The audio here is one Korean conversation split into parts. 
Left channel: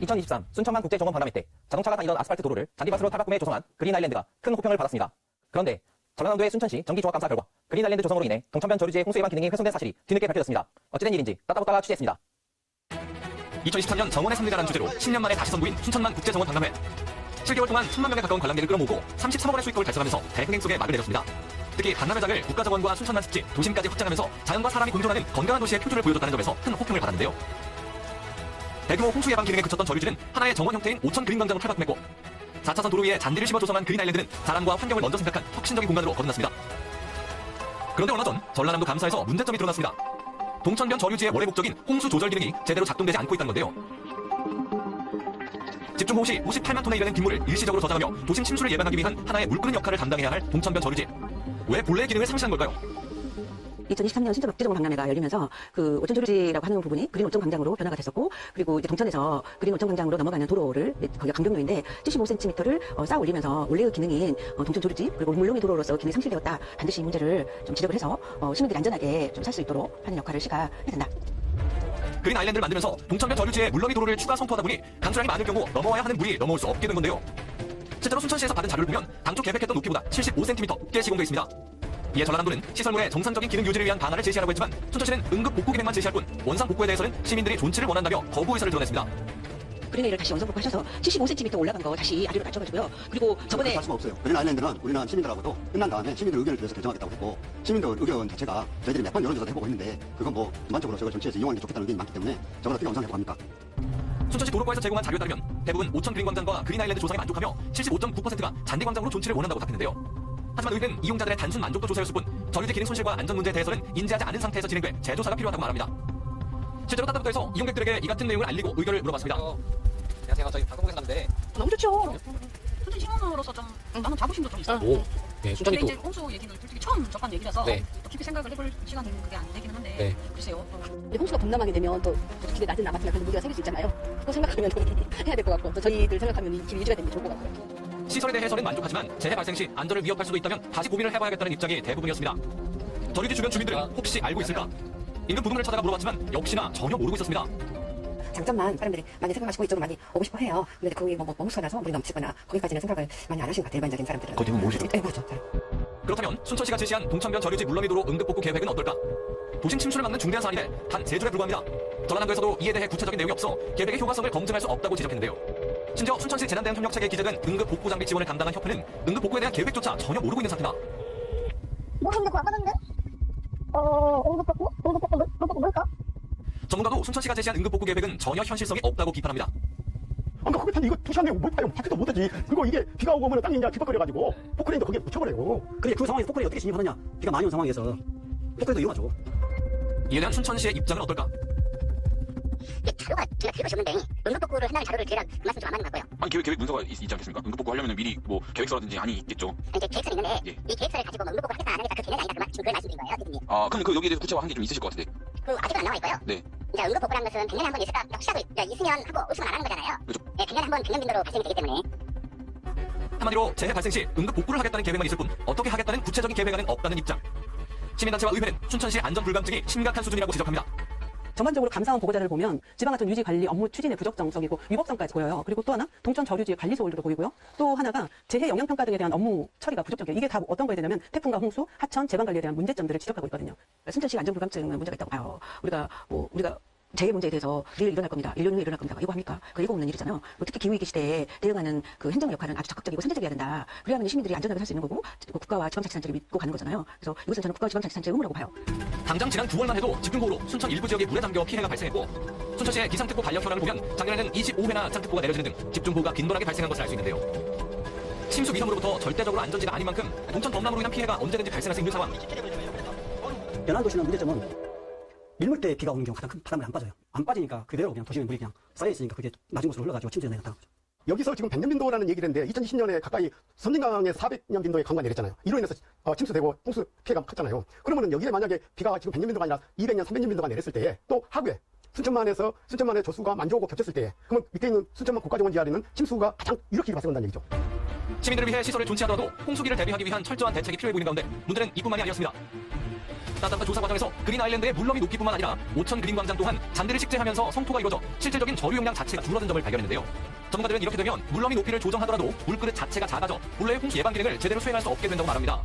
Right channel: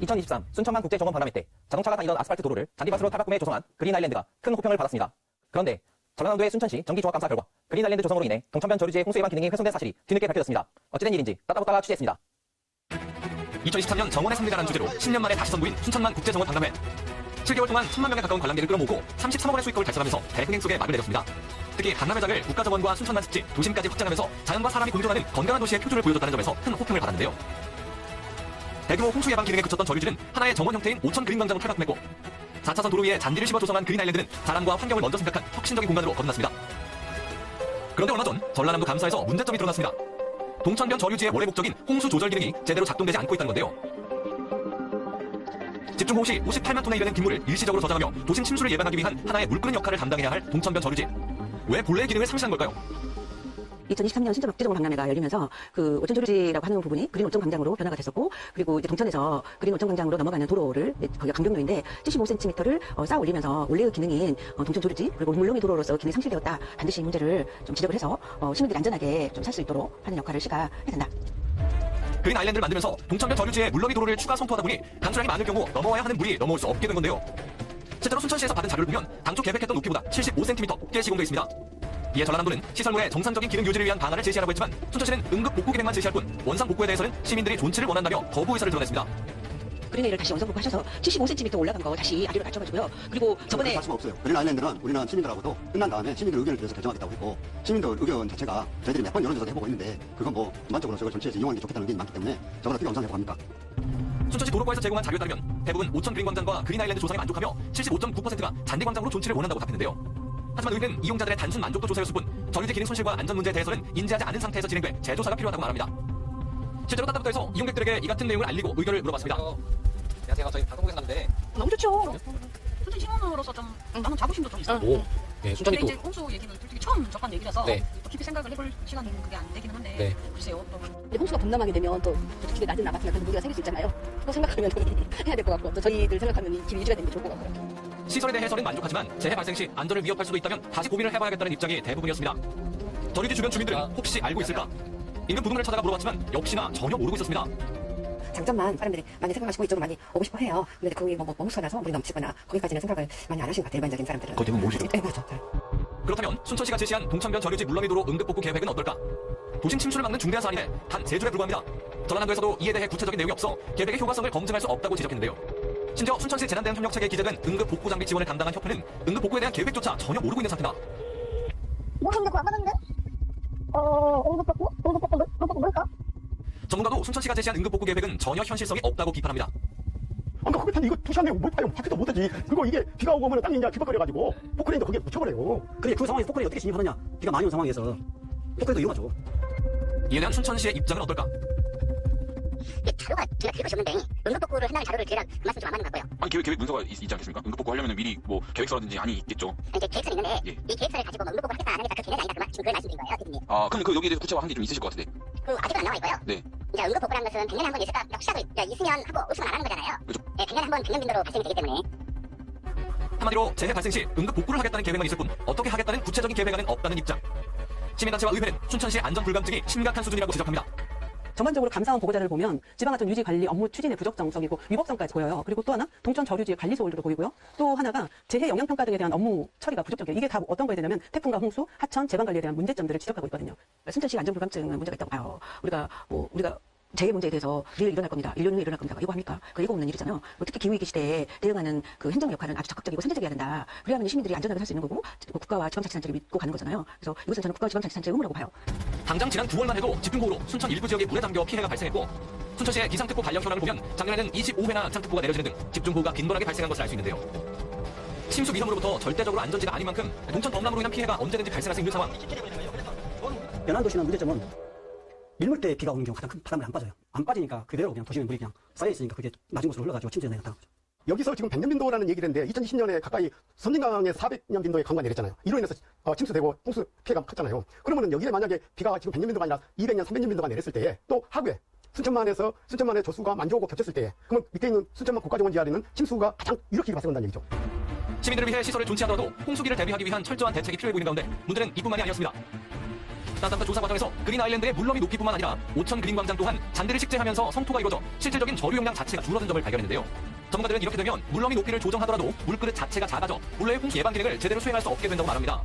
2023 순천만 국제정원 박람회 때 자동차가 다니던 아스팔트 도로를 잔디밭으로 탈바꿈해 조성한 그린 아일랜드가 큰 호평을 받았습니다. 그런데 전라남도의 순천시 정기종합감사 결과 그린 아일랜드 조성으로 인해 동천변 저류지의 홍수 예방 기능이 훼손된 사실이 뒤늦게 밝혀졌습니다. 어찌된 일인지 따따붙다가 취재했습니다. 2023년 정원의 승리라는 주제로 10년 만에 다시 선보인 순천만 국제정원 박람회. 7개월 동안 10만 명에 가까운 관람객을 끌어모으고 33억 원의 수익금을 달성하면서 대흑 속에 막을 내렸습니다. 특히 박람회장을 국가정원과 순천만 습지, 도심까지 확장하면서 자연과 사람이 공존하는 건강한 도시의 표준을 보여줬다는 점에서 큰 호평을 받았는데요. 대규모 홍수 예방 기능에 그쳤던 저류지는 하나의 정원 형태인 5천 그린광장으로 탈바꿈했고 4차선 도로 위에 잔디를 씹어 조성한 그린 아일랜드는 사람과 환경을 먼저 생각한 혁신적인 공간으로 거듭났습니다. 그런데 얼마 전 전라남도 감사에서 문제점이 드러났습니다. 동천변 저류지의 원래 목적인 홍수 조절 기능이 제대로 작동되지 않고 있다는 건데요. 집중호우 시 58만 톤에 이르는 빗물을 일시적으로 저장하며 도심 침수를 예방하기 위한 하나의 물끄는 역할을 담당해야 할 동천변 저류지. 왜 본래의 기능을 상실한 걸까요? 2023년 순천 국제정원 박람회가 열리면서 그 오천 저류지라고 하는 부분이 그린 오천 광장으로 변화가 됐었고, 그리고 이제 동천에서 그린 오천 광장으로 넘어가는 도로를 강경로인데 75cm를 쌓아 올리면서 원래 기능인 동천 저류지 그리고 물놀이 도로로서 기능이 상실되었다. 반드시 이 문제를 좀 지적을 해서 시민들이 안전하게 좀 살 수 있도록 하는 역할을 시가 해야 된다. 그린 아일랜드를 만들면서 동천변 저류지에 물놀이 도로를 추가 선포하다 보니 강수량이 많을 경우 넘어야 하는 물이 넘어올 수 없게 된 건데요. 실제로 순천시에서 받은 자료를 보면 당초 계획했던 높이보다 75cm 높게 시공되어 있습니다. 이에 전라남도는 시설물의 정상적인 기능 유지를 위한 방안을 제시하라고 했지만 순천시는 응급 복구 계획만 제시할 뿐 원상 복구에 대해서는 시민들이 존치를 원한다며 거부 의사를 드러냈습니다. 그린아일랜드를 다시 원상 복구하셔서 75cm 올라가고 다시 아래로 낮춰가지고요. 그리고 저번에 할 수가 없어요. 그린 아일랜드는 우리나라 시민들하고도 끝난 다음에 시민들 의견을 들어서 결정하겠다고 했고, 시민들 의견 자체가 저희들이 몇 번 여론조사도 해보고 있는데 그건 뭐 전반적으로 저걸 전체에서 이용하는 게 좋겠다는 의견이 많기 때문에 저건 어떻게 감사하려고 합니까? 순천시 도로과에서 제공한 자료에 따르면 대부분 5천 그린광장과 그린 아일랜드 조성에 만족하며 75.9%가 잔디광장으로 존치를 원한다고 답했는데요. 하지만 우리는 이용자들의 단순 만족도 조사였을 뿐 저류지 기능 손실과 안전 문제에 대해서는 인지하지 않은 상태에서 진행돼 재조사가 필요하다고 말합니다. 실제로 따뜻부터에서 이용객들에게 이 같은 내용을 알리고 의견을 물어봤습니다. 안녕하세요. 저희 방송국에서 나왔는데 너무 좋죠. 순천 시민으로서 좀 나는 자부심도 좀 있어. 네, 순천이 근데 또 이제 홍수 얘기는 솔직히 처음 접한 얘기라서 네. 깊이 생각을 해볼 시간이 그게 안 되긴 한데 네. 글쎄요. 근데 홍수가 범람하게 되면 또 어떻게 낮은 나같은 문제가 생길 수 있잖아요. 그거 생각하면 해야 될 것 같고, 또 저희들 생각하면 이 집이 유지가 되는 게 좋을 것 같고요. 시설에 대해 해서는 만족하지만 재해 발생 시 안전을 위협할 수도 있다면 다시 고민을 해봐야겠다는 입장이 대부분이었습니다. 저류지 주변 주민들은 혹시 알고 있을까? 인근 부동산을 찾아가 물어봤지만 역시나 전혀 모르고 있었습니다. 장점만 사람들이 많이 생각하시고 이쪽으로 많이 오고 싶어 해요. 근데 거기 뭐 홍수가 물이 넘치거나 거기까지는 생각을 많이 안 하시는 것 같아요, 일반적인 사람들이. 거기 대부분 모르시죠? 네, 그렇죠. 그렇다면 순천시가 제시한 동천변 저류지 물놀이 도로 응급복구 계획은 어떨까? 도심 침수를 막는 중대한 사안인데 단 3줄에 불과합니다. 전라남도에서도 이에 대해 구체적인 내용이 없어 계획의 효과성을 검증할 수 없다고 지적했는데요. 심지어 순천시 재난대응 협력체계 기재된 응급복구 장비 지원을 감당한 협회는 응급복구에 대한 계획조차 전혀 모르고 있는 상태다. 모르는데 그거 아까는데? 응급복구 뭘까? 전문가도 순천시가 제시한 응급복구 계획은 전혀 현실성이 없다고 비판합니다. 아까 그거 다 이거 투시한데 뭘 봐요? 밖에서 못하지. 그리고 이게 비가 오고 오면 땅이 이제 뒤벅거려가지고 포크레인도 그게 묻혀버려요. 근데 그 상황에서 포크레인 어떻게 진입하느냐? 비가 많이 온 상황에서 포크레인도 이어가지고. 이에 대한 순천시의 입장은 어떨까? 자료가 제가 필요 없는데 응급복구를 해나갈 자료를 드리란 그 말씀 좀 안 맞는 것 같고요. 아니 계획 문서가 있지 않겠습니까? 응급복구 하려면 미리 뭐 계획서라든지 안이 있겠죠. 이제 계획서를 있는데 이 계획서를 가지고 뭐 응급복구를 하겠다 안 하겠다 그 개념이 아니다. 지금 그걸 말씀드린 거예요, 대표님. 아 그럼 그 여기에 대해서 구체화한 게 좀 있으실 것 같은데. 그 아직은 안 나와 있고요. 네. 이제 응급복구라는 것은 100년에 한 번 있을까 혹시라도 있으면 하고 없으면 안 하는 거잖아요. 그렇죠. 네, 100년에 한 번 당연 빈도로 발생이 되기 때문에. 한마디로 재해 발생 시 응급복구를 하겠다는 계획만 있을 뿐 어떻게 하겠다는 구체적인 계획안은 없다는 입장. 시민단체와 의회는 순천시의 안전불감증이 심각한 수준이라고 지적합니다. 전반적으로 감사원 보고자를 보면 지방하천 유지관리 업무 추진의 부적정성이고 위법성까지 보여요. 그리고 또 하나 동천 저류지의 관리 소홀도로 보이고요. 또 하나가 재해 영향평가 등에 대한 업무 처리가 부족적이에요. 이게 다 어떤 거에 되냐면 태풍과 홍수, 하천, 재방관리에 대한 문제점들을 지적하고 있거든요. 순천시 안전불감증은 문제가 있다고 봐요. 우리가 재해 문제에 대해서 늘 일어날 겁니다. 1년 후에 일어날 겁니다. 이거 합니까? 그 예고 없는 일이잖아요. 특히 기후위기 시대에 대응하는 그 행정 역할은 아주 적극적이고 선제적이어야 된다. 그래야만 시민들이 안전하게 살 수 있는 거고 국가와 지방자치단체를 믿고 가는 거잖아요. 그래서 이것은 저는 국가와 지방자치단체의 의무라고 봐요. 당장 지난 9월만 해도 집중호우로 순천 일부 지역에 물에 잠겨 피해가 발생했고 순천시의 기상특보 관련 현황을 보면 작년에는 25회나 안창특보가 내려지는 등 집중호우가 빈번하게 발생한 것을 알 수 있는데요. 침수 위험으로부터 절대적으로 안전지가 아닌 만큼 동천 범람으로 인한 피해가 언제든지 발생할 수 있는 상황. 연안도시는 문제점은 밀물 때 비가 오는 경우 가장 큰 바람이 안 빠져요. 안 빠지니까 그대로 그냥 도심에 물이 그냥 쌓여있으니까 그게 낮은 곳으로 흘러가지고 침수에 나타나는 거죠. 여기서 지금 100년 빈도라는 얘기를 했는데 2020년에 가까이 선진강에 400년 빈도의 강우가 내렸잖아요. 이로 인해서 침수되고 홍수 피해가 컸잖아요. 그러면은 여기에 만약에 비가 지금 100년 빈도가 아니라 200년, 300년 빈도가 내렸을 때에 또 하구에 순천만의 조수가 만조하고 겹쳤을 때에 그러면 밑에 있는 순천만 국가정원 지하에는 침수가 가장 이렇게 발생한다는 얘기죠. 시민들을 위해 시설을 존치하더라도 홍수기를 대비하기 위한 철저한 대책이 필요해 보이는 가운데 문제는 이뿐만이 아니었습니다. 따뜻한 조성 과정에서 그린 아일랜드의 물nom이 높이뿐만 아니라 오천 그린 광장 또한 잔디를 식재하면서 성토가 이루어져 실질적인 저류 용량 자체가 줄어든 점을 발견했는데요. 전문가들은 이렇게 되면 물nom이 높이를 조정하더라도 물그릇 자체가 작아져 물로의 홍수 예방 기능을 제대로 수행할 수 없게 된다고 말합니다.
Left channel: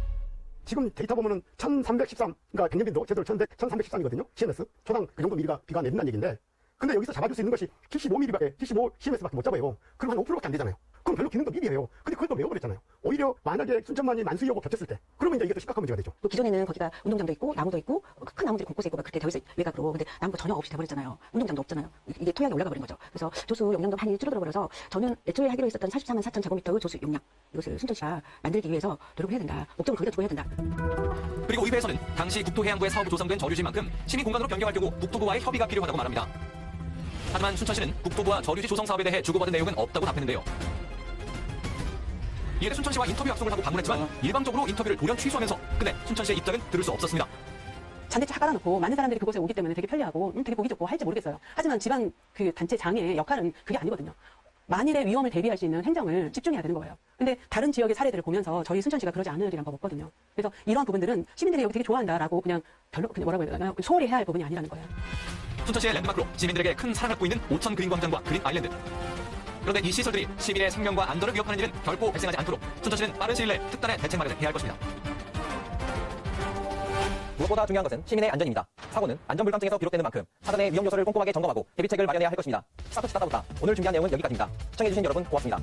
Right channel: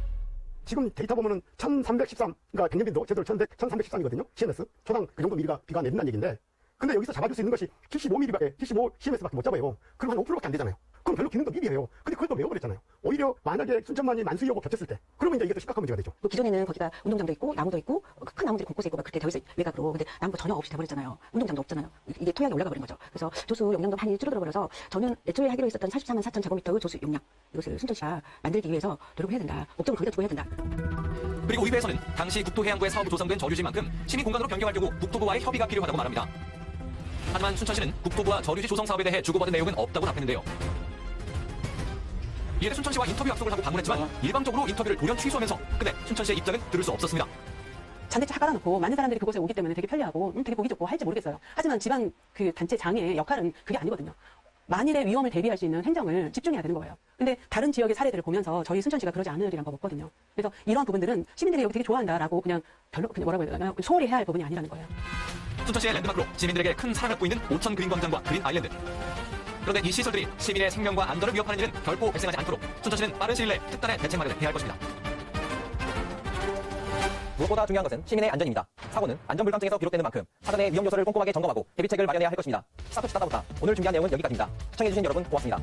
지금 데이터 보면은 1313, 그러니까 백년빈도 제대로 1313이거든요. CMS. 초당 그 정도 미리가 비가 내린다는 얘기인데. 근데 여기서 잡아줄 수 있는 것이 75mm밖에, 75 CMS밖에 못 잡아요. 그럼 한 5%밖에 안 되잖아요. 그럼 별로 기능도 미비해요. 근데 그걸 또 외워버렸잖아요. 오히려 만약에 순천만이 만수이하고 겹쳤을 때, 그러면 이제 이게 또 심각한 문제가 되죠. 또 기존에는 거기가 운동장도 있고 나무도 있고 큰 나무들이 곳곳에 있고 막 그렇게 되어 있어요. 외곽으로. 근데 나무가 전혀 없이 돼버렸잖아요. 운동장도 없잖아요. 이게 토양이 올라가 버린 거죠. 그래서 조수 용량도 많이 줄어들어 버려서 저는 애초에 하기로 했었던 44만 4천 제곱미터의 조수 용량, 이것을 순천시가 만들기 위해서 노력을 해야 된다. 목적을 강조주고 해야 된다. 그리고 의회에서는 당시 국토해양부의 사업이 조성된 저류지인 만큼 시민 공간으로 변경할 경우 국토부와의 협의가 필요하다고 말합니다. 하지만 순천시는 국토부와 저류지 조성 사업에 대해 주고받은 내용은 없다고 답했는데요. 이에 대해 순천시와 인터뷰 약속을 하고 방문했지만 일방적으로 인터뷰를 돌연 취소하면서 끝내 순천시의 입장은 들을 수 없었습니다. 잔디차 깔아놓고 많은 사람들이 그곳에 오기 때문에 되게 편리하고 되게 보기 좋고 할지 모르겠어요. 하지만 지방 그 단체 장의 역할은 그게 아니거든요. 만일의 위험을 대비할 수 있는 행정을 집중해야 되는 거예요. 근데 다른 지역의 사례들을 보면서 저희 순천시가 그러지 않으리란 법 없거든요. 그래서 이러한 부분들은 시민들이 여기 되게 좋아한다라고 그냥 별로 그냥 뭐라고 해야 되나 소홀히 해야 할 부분이 아니라는 거예요. 순천시의 랜드마크로 시민들에게 큰 사랑을 받고 있는 오천 그린 광장과 그린 아일랜드. 그런데 이 시설들이 시민의 생명과 안전을 위협하는 일은 결코 발생하지 않도록 순천시는 빠른 시일 내에 특단의 대책 마련을 해야 할 것입니다. 무엇보다 중요한 것은 시민의 안전입니다. 사고는 안전불감증에서 비롯되는 만큼 사전에 위험 요소를 꼼꼼하게 점검하고 대비책을 마련해야 할 것입니다. 스타트 따다보다 오늘 준비한 내용은 여기까지입니다. 시청해주신 여러분 고맙습니다.